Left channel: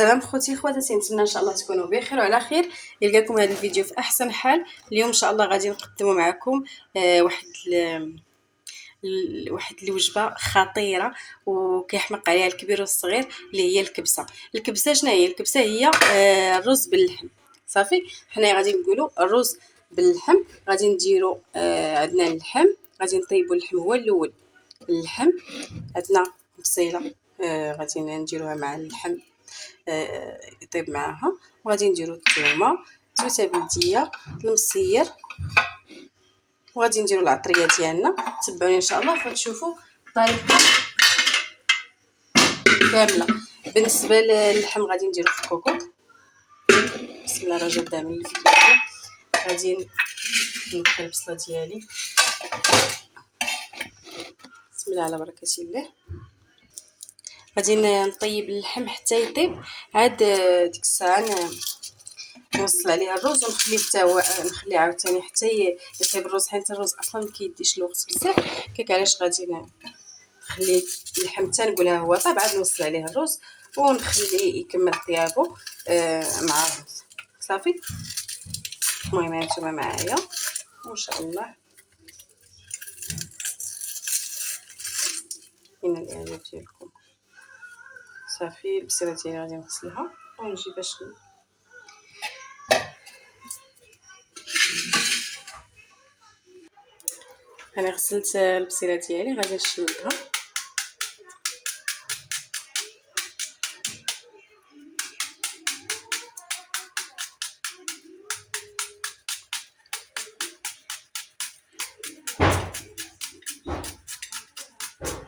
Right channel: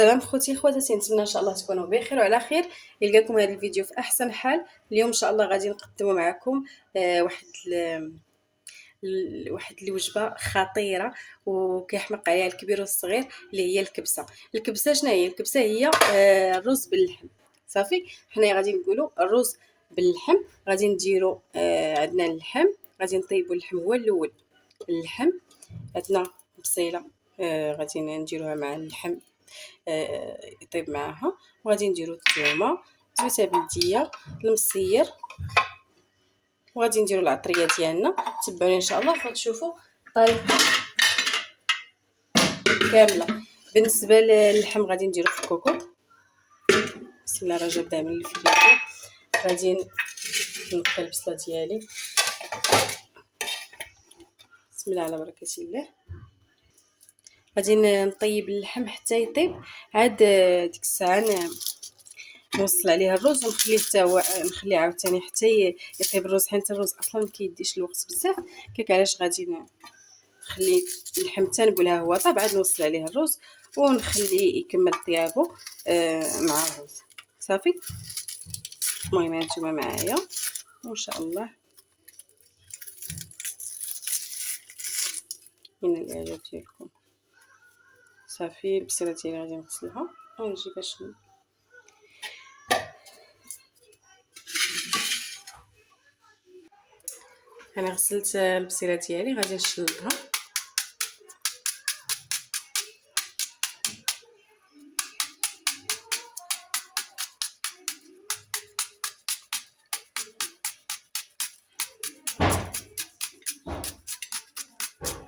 سلام خوتي خواتاتي، نتمنى ان شاء الله تكونوا بخير وعلى خير. يلقاكم هذا الفيديو في احسن حال. اليوم ان شاء الله غادي نقدموا معكم واحد الوجبه خطيره وكيحمق عليها الكبير والصغير، اللي هي الكبسه. شنو هي الكبسه؟ هي الرز باللحم. صافي، حنا غادي نقولوا الرز باللحم. غادي نديروا عندنا اللحم، غادي نطيبوا اللحم هو الاول. اللحم عندنا بصيله، غادي نديروها مع اللحم يطيب معاها، وغادي نديرو الثومه، زويته بلديه، المصير، وغادي نديرو العطريه ديالنا. تبعوني ان شاء الله غتشوفوا الطريقه كامله. بالنسبه للحم غادي نديرو في الكوكوط. بسم الله الرحمن الرحيم. من الفيديو غادي نقي البصله ديالي. بسم الله على بركه الله. غادي نطيب اللحم حتى يطيب. عاد ديك الساعه نوصل عليه الرز ونخليه حتى هو، نخليه عاوتاني حتى يطيب الرز، حيت الرز اصلا ما كيديش الوقت بزاف. كيك علاش غادي نخليه اللحم حتى نقولها هو طاب، عاد نوصل عليه الرز ونخليه يكمل طيابو مع الرز. صافي، المهم هانتوما معايا وان شاء الله هنا الاعجاب ديالكم. صافي، البصيله ديالي غادي نغسلها ونجي باش انا غسلت البصيله ديالي، غادي نشلها.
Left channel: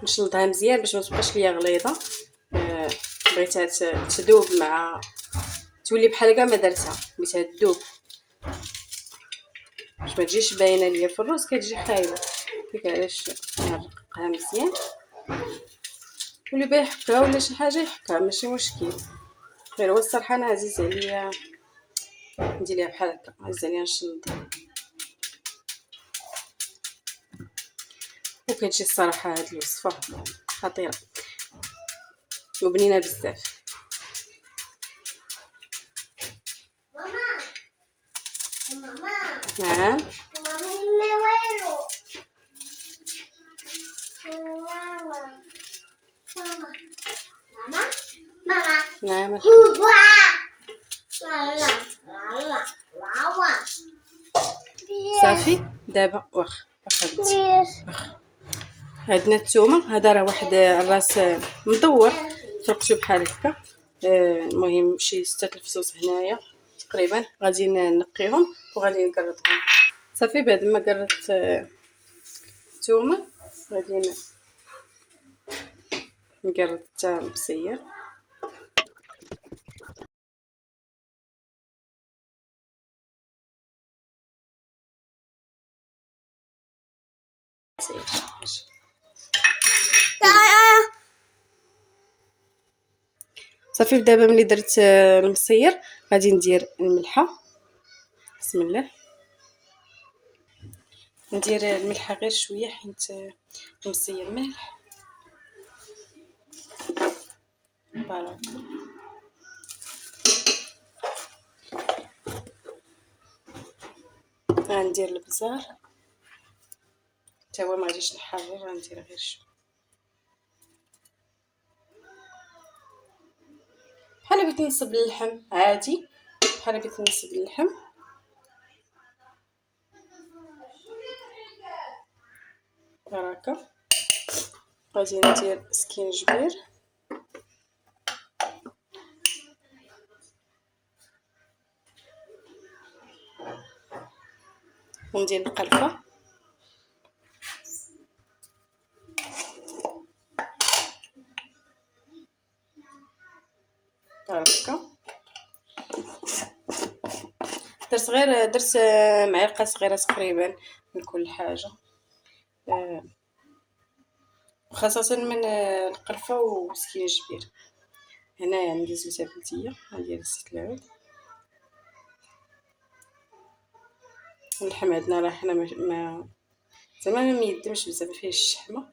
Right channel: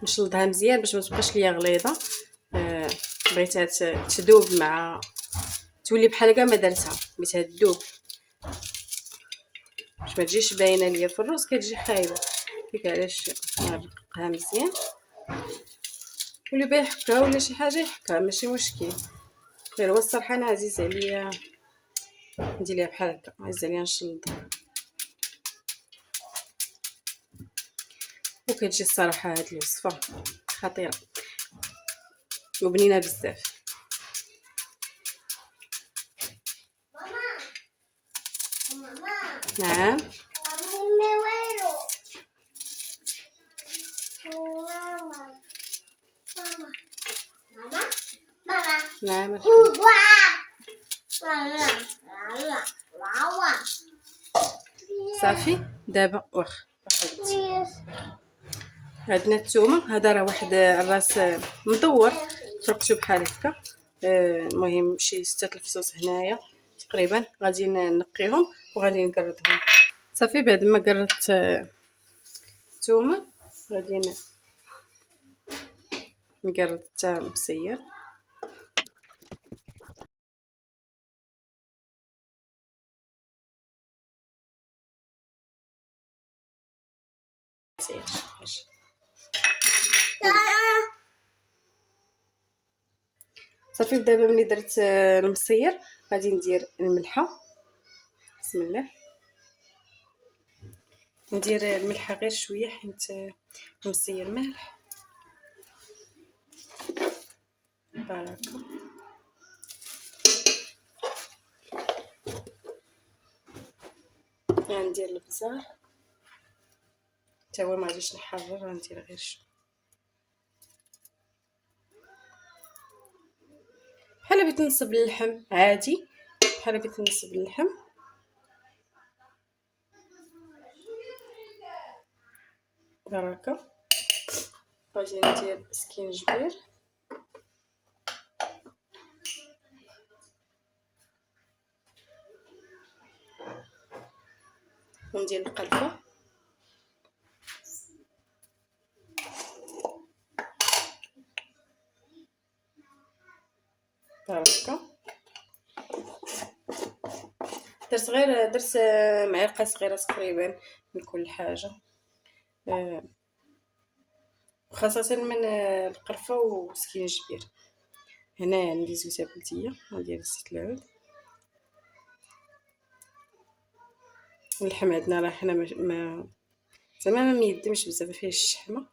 نشلضها مزيان باش ما تبقاش ليا غليظه. بغيتها تذوب مع تولي بحال كاع ما درتها، بغيتها تذوب باش ما تجيش باينه ليا في الرز، كتجي خايبه. ديك علاش نرققها مزيان، واللي بغى يحكها ولا شي حاجه يحكها، ماشي مشكل. غير هو الصراحه انا عزيز عليا ندير ليها بحال هكا، عزيز عليا نشلضها، وكتجي الصراحه هاد الوصفه خطيره وبنينه بزاف. نعم نعم صافي. دابا واخا عندنا الثومه. هذا راه واحد الراس مدور، فرقتو بحال هكا. المهم شي 6 الفصوص هنايا تقريبا. غادي نقيهم وغادي نقرطهم. صافي، بعد ما قرطت الثومه غادي نقرط حتى البصير. صافي، دابا ملي درت المصير غادي ندير الملحه. بسم الله. ندير الملحه غير شويه حيت المصير مالح. بركه. غندير البزار حتى هو، ما غاديش نحرر، غندير غير شويه بحال بغيت نصب اللحم عادي، بحال بغيت نصب اللحم. بركه. غادي ندير سكينجبير وندير القرفه. بركه. درت معلقه صغيره تقريبا من كل حاجه، خاصه من القرفه وسكينجبير. هنا عندي زويته بلديه، ندير زيت العود. اللحم عندنا راه حنا ما زعما ما ميدمش بزاف، ما فيهش الشحمه.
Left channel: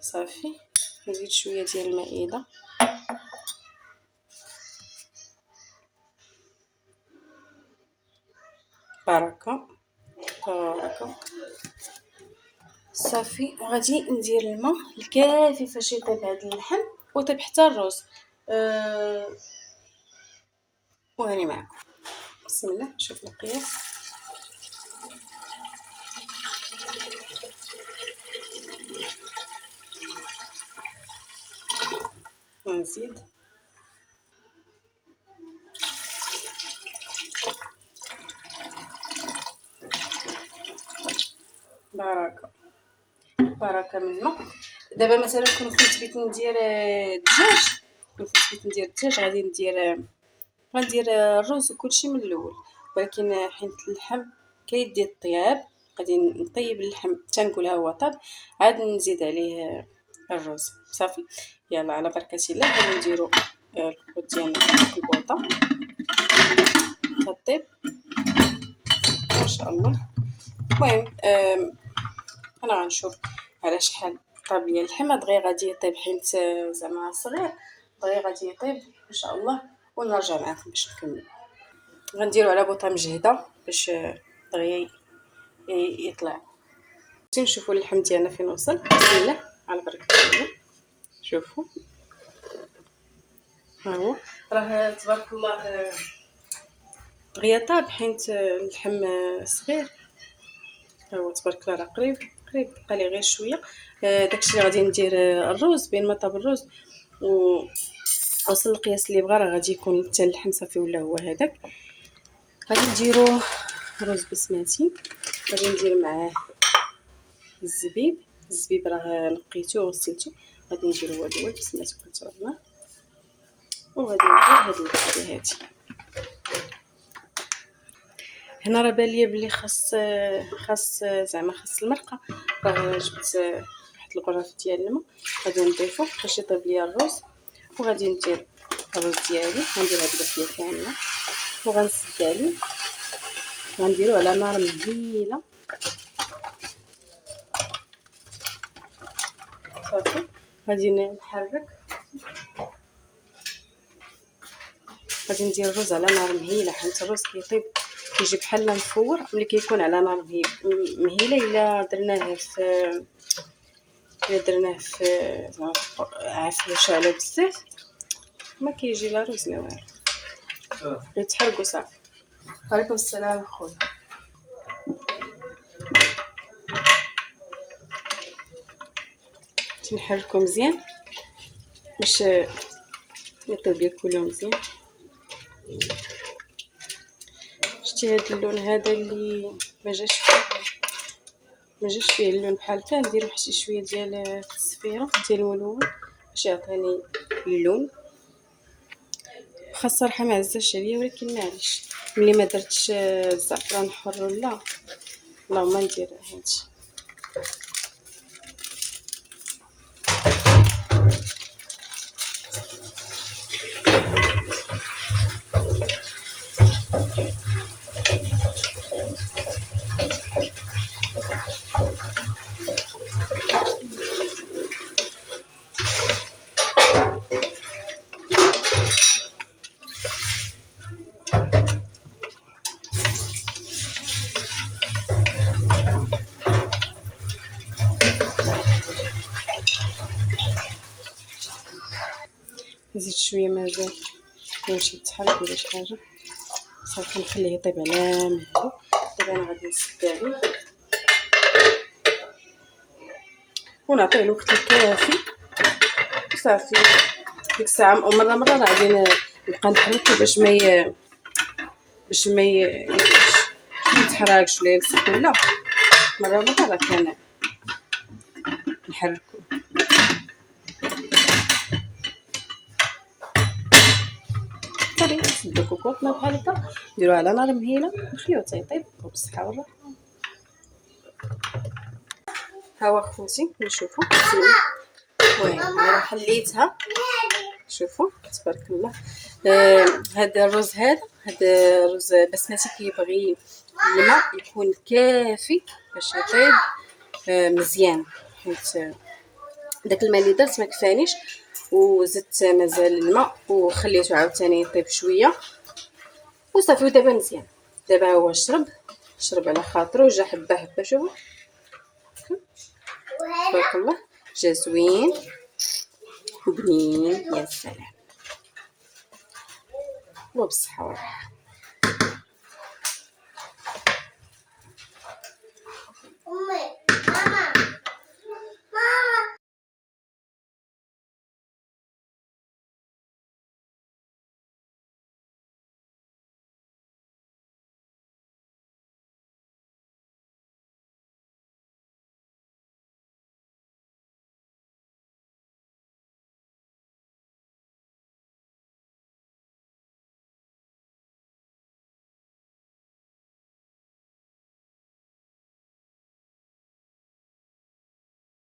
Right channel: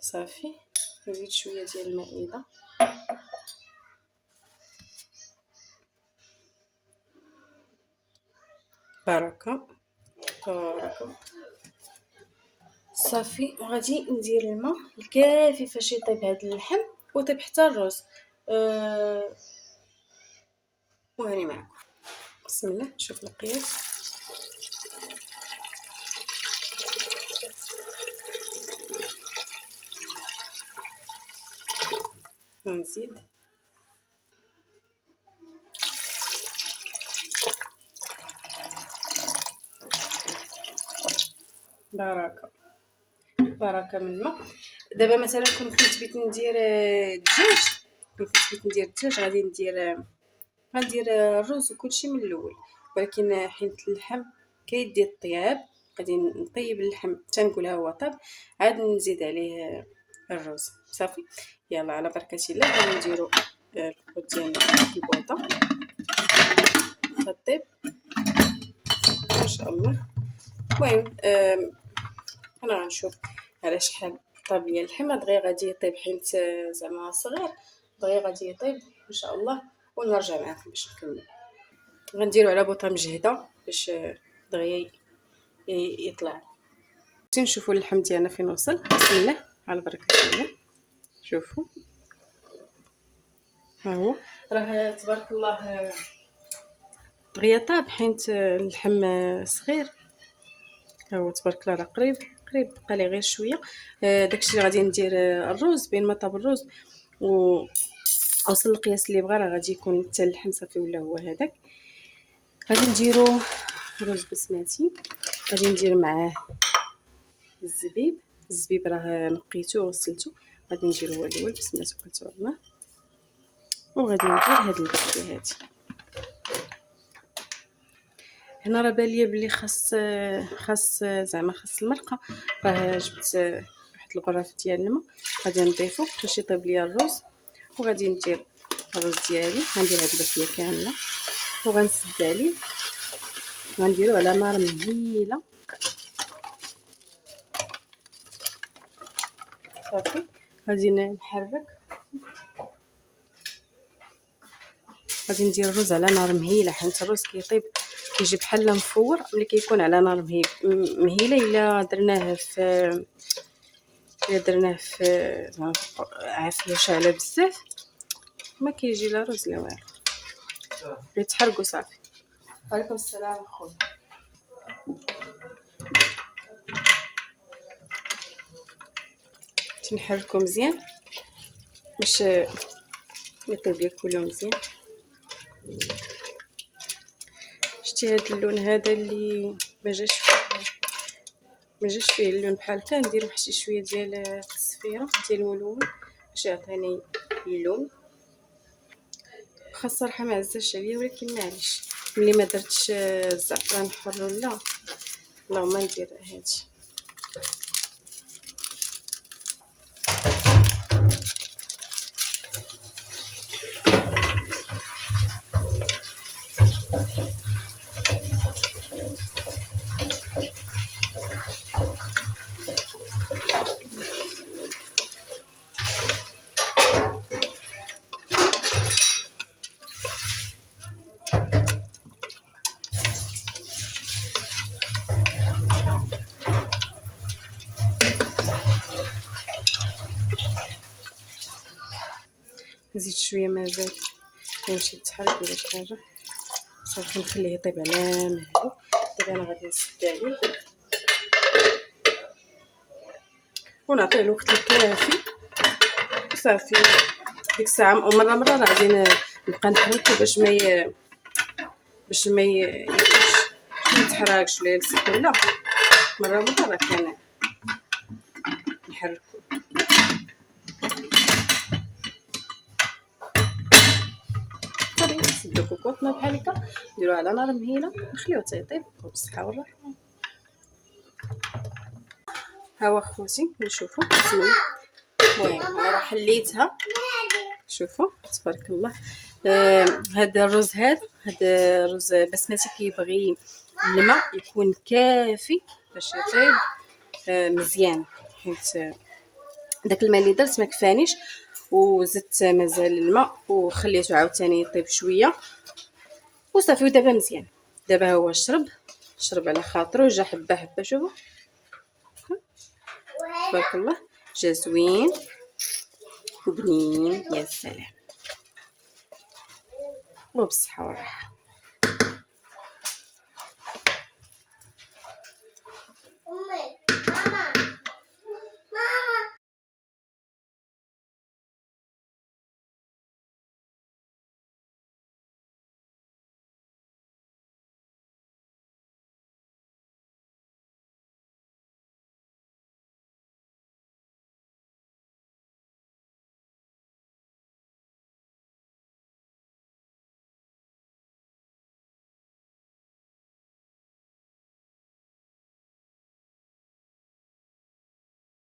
صافي، نزيد شويه ديال المائده. بركه بركه. صافي، وغادي ندير الماء الكافي فاش يطيب هذا اللحم ويطيب حتى الروز. وهاني معكم. بسم الله، نشوف القياس. ونزيد بركه بركه من الماء. دابا مثلا كنت بغيت ندير الدجاج، غندير الرز وكلشي من الاول، ولكن حيت اللحم كيدي الطياب غادي نطيب اللحم تنقولها هو طاب، عاد نزيد عليه الرز. صافي، يلا على بركه الله. غادي نديرو الخبز ديالنا في البوطه كطيب ما شاء الله. المهم انا غنشوف على شحال طاب ليا اللحم. دغيا غادي يطيب حيت زعما صغير، دغيا غادي يطيب ان شاء الله ونرجع معكم باش نكمل. غنديرو على بوطه مجهده باش دغيا يطلع. نشوفوا اللحم ديالنا فين وصل. بسم الله على بركه الله. شوفوا ها هو، راه تبارك الله دغيا طاب حيت اللحم صغير. ها هو تبارك الله، راه قريب بقى لي غير شويه. داكشي اللي غادي ندير الرز. بين ما طاب الرز و وصل القياس اللي بغا، راه غادي يكون حتى اللحم صافي ولا هو هذاك. غادي نديرو رز بسمتي، غادي ندير معاه الزبيب راه نقيتو وغسلتو، غادي نديرو هو الاول. بسم الله توكلت على الله. وغادي ندير هاد البصله هادي. هنا راه بان ليا بلي خاص المرقه. راه جبت واحد الغرف ديال الماء، غادي نضيفو باش يطيب ليا الرز. وغادي ندير الرز ديالي، غندير هاد البصله كامله وغنسد عليه، غنديرو على نار مهيله. صافي، غادي نحرك، غادي ندير الرز على نار مهيله حيت الرز كيطيب كيجي بحال مفور ملي كيكون على نار مهيله. الا درناه في زعما عافيه شاعله بزاف ما كيجي لا رز لا والو، يتحرقوا صافي. وعليكم السلام خويا. تنحركو مزيان باش يطيب لي كله مزيان. شتي هاد اللون هذا اللي ما جاش فيه اللون بحال هكا، ندير واحد شويه ديال التصفيره ديال الولون باش يعطيني اللون. خاصه صراحه ما عزاش عليا، ولكن معليش ملي ما درتش الزعفران حر ولا اللهم ندير هادشي. نزيد شويه مازال يمشي يتحرك ولا شي حاجه. صافي نخليه يطيب على مهله. دابا انا غادي نسد عليه ونعطيه الوقت الكافي. صافي ديك الساعه مره راه غادي نبقى نحرك باش ما يتحرقش ولا يلصق ولا مره راه كان نحركو. صافي نسدو كوكوطنا بحال هكا، نديروها على نار مهيله نخليوه حتى يطيب بالصحه والراحه. ها هو خوتي نشوفوا. المهم راه حليتها. شوفوا تبارك الله. هذا الرز هذا الرز بسمتي كيبغي الماء يكون كافي باش يطيب مزيان، حيت داك الماء اللي درت ما كفانيش وزدت مازال الماء وخليته عاوتاني يطيب شويه وصافي. ودابا دابا هو شرب على خاطرو، جا حبه حبه. شوفوا تبارك الله، جا زوين وبنين. يا سلام، وبالصحه والراحه.